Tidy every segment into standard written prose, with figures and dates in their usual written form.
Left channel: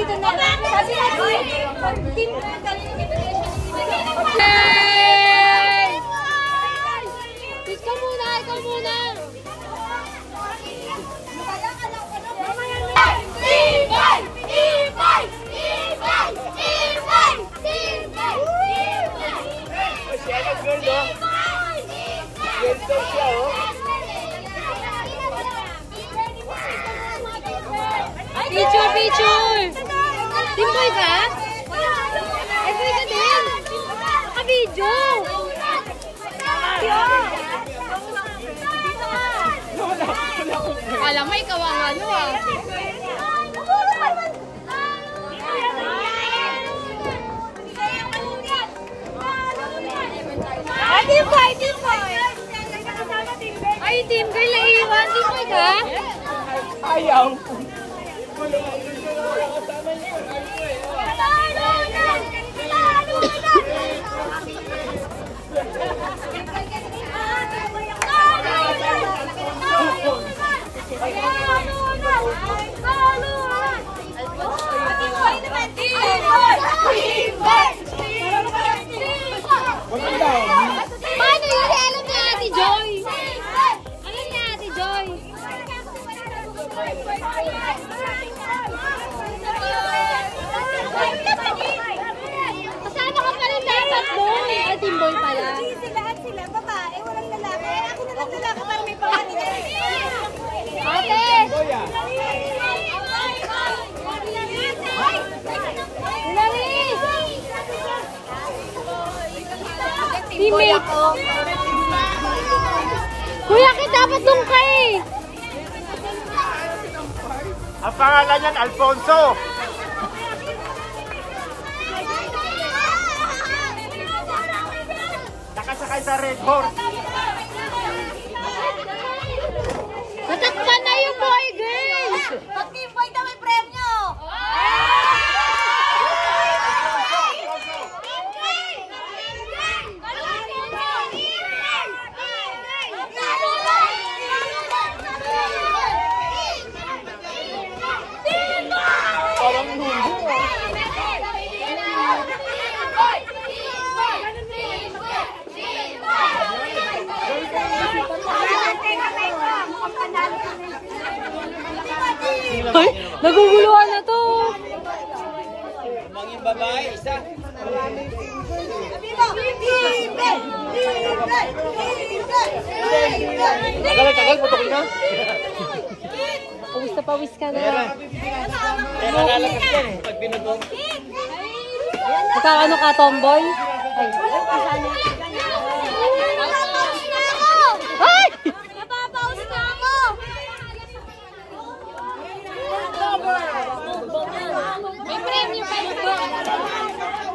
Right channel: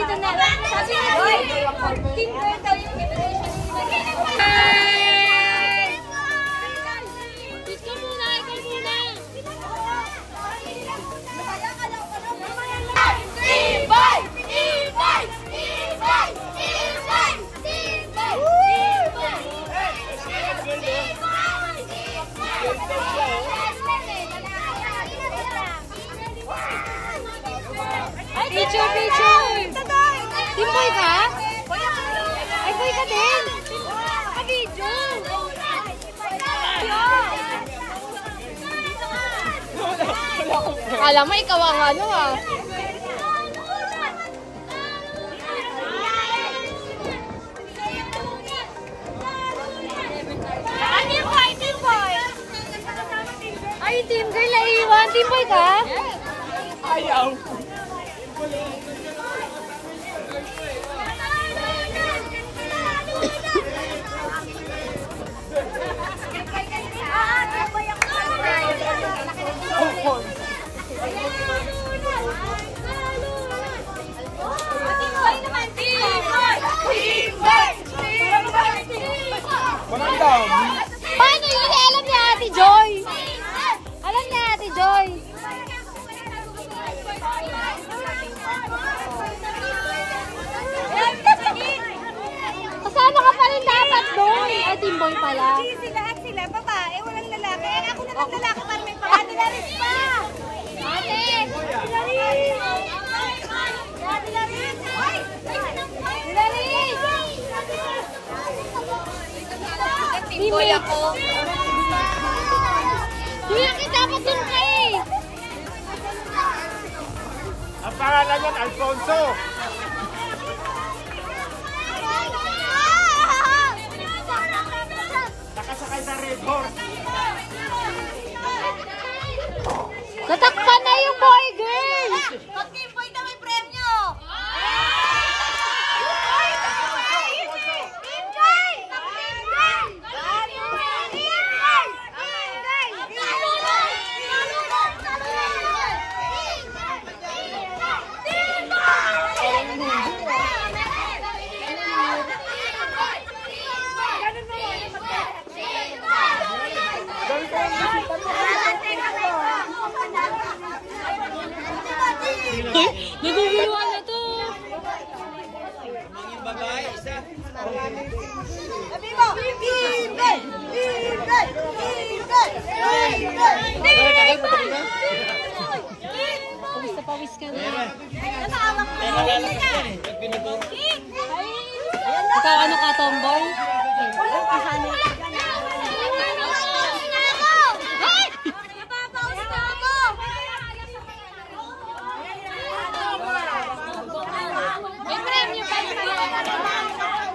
dito na. Sabi nga, team girl daw yung invitation. Ikaw muna, ikaw muna. Picture! Team boy ka? Ay, boy ka din! Naka-video! Alam mo, ikaw ang ano eh. Team boy! Team boy! Ay, team girl na iwan. Team boy ka? Ayaw! Paano yun? Alam ni Ate Joy. Alam ni Ate Joy. Kasama ka pa rin dapat doon. Ay, team boy pala. Lahat sila, babae, walang lalaki. Ako na lang lalaki para may pangalan. Ate! Teammates! Kuya, kita dapat doon ka eh! Ang pangalan niyan, Alfonso! Nakasakay sa Red Horse! Tatakpan na yung boy girl! Pag team boy na may premyo! Ay, naguguluhan na to! Mga babae, isa. Pawis na pawis ka na. Ikaw ano ka, tomboy? Napapaus na ako!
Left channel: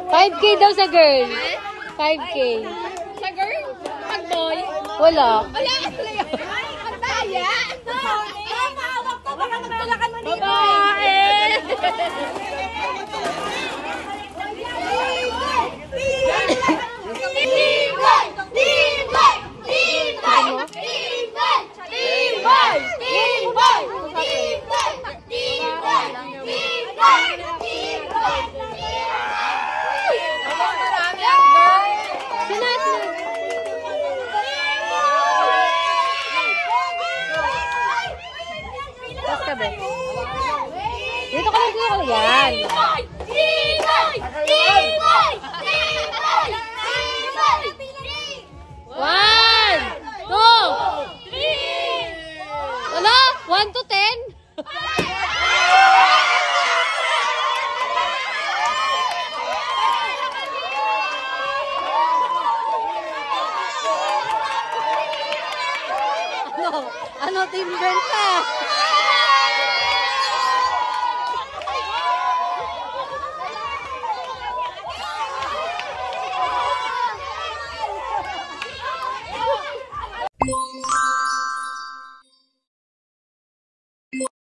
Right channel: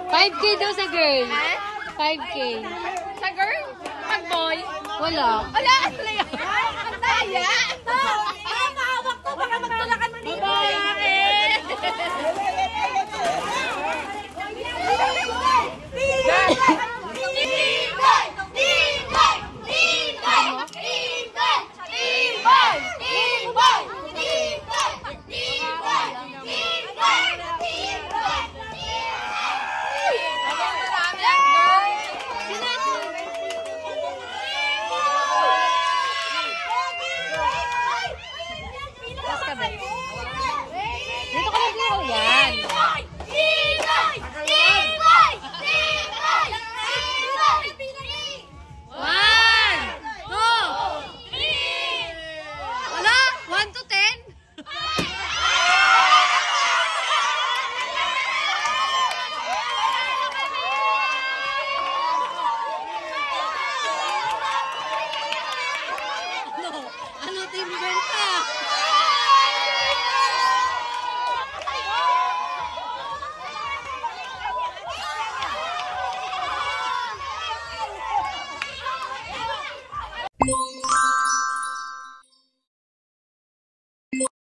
5K daw sa girl. 5K. Sa girl? Pag boy? Wala. Wala! Wala yun! Ang daya! Ay, mahawak to! Baka magtulakan mo dito! Dito ka lang yan. One, two, wala? 1 to 10? Ano, team girl pa?